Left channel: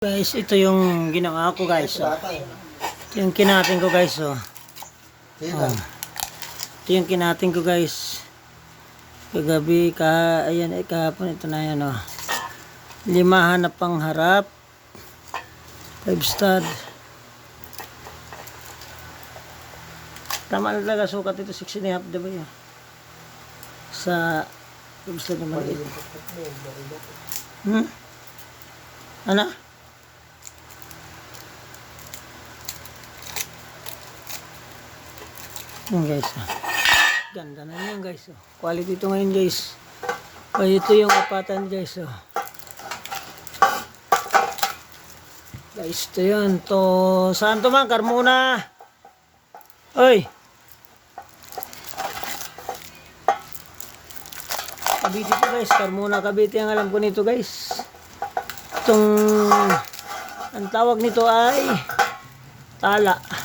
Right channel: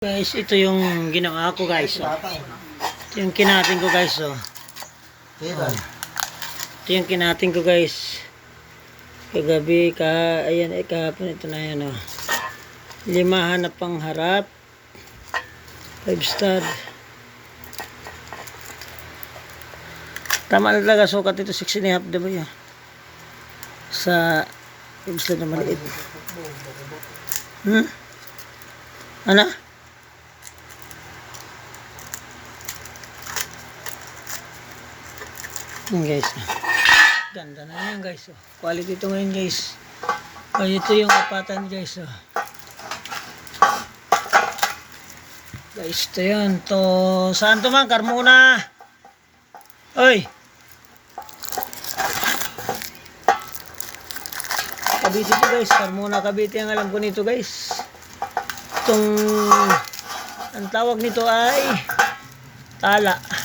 Guys, ito yung ginawa ko guys. Oh. Ito yung kinatin ko guys. Oh. Ito yung kinatin ko guys. Kagabi, ka, ayan, eh, kahapon ito na yan. Oh. Lima hanap pang harap. Five stud. Tama na talaga sukat ito, 6 and a half, diba yan? Sa five stud na maliit. Hmm? Ano? Yan guys. oh. Ganda na yan guys. oh. Quality ito ngayon guys. O ito yung apatan guys. Oh. Guys, ito yun. To, saan to man? Carmona. Oy. Cavite to guys. Carmona Cavite ang alam ko nito guys. Itong, ang tawag nito ay tala.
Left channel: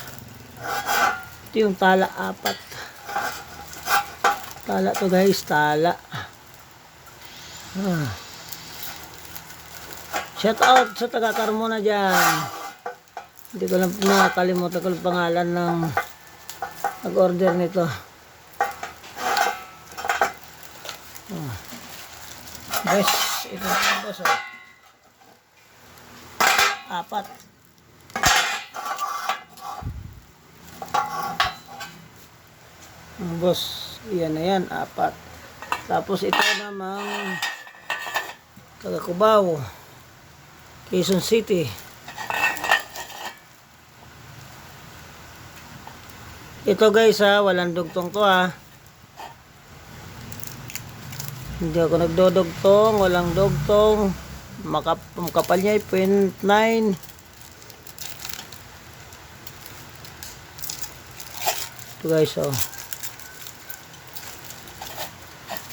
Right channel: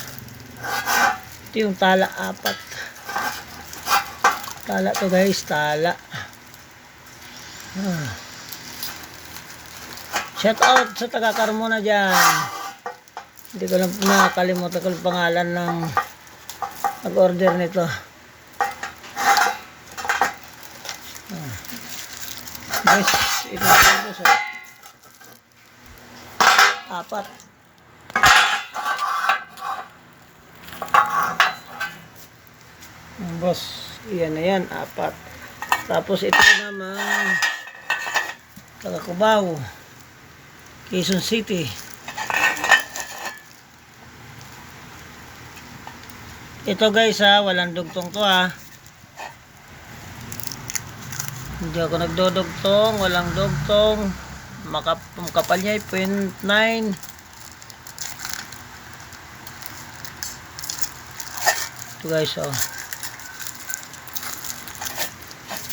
Ito yung tala apat. Tala to guys, tala. Ah. Shout out sa taga Carmona dyan. Hindi ko lang nakakalimutan ko yung pangalan ng nag-order nito. Ah. Guys, ito na guys. oh. Apat. Boss, yan na yan, apat. Tapos ito namang taga Cubao, Quezon City. Ito guys ha, walang dugtong to ha. Hindi ako nagdodugtong, walang dugtong. Makap makapal niya ay 0.9. Ito guys oh.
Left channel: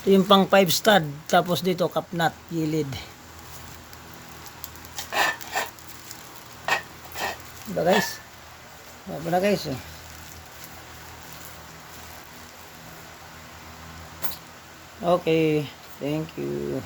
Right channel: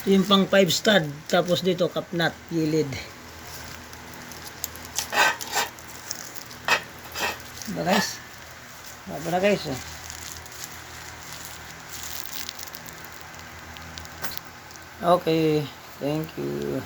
Ito yung pang 5 stud. Tapos dito kapnat, gilid. Diba guys? Diba na guys oh. Okay. Thank you.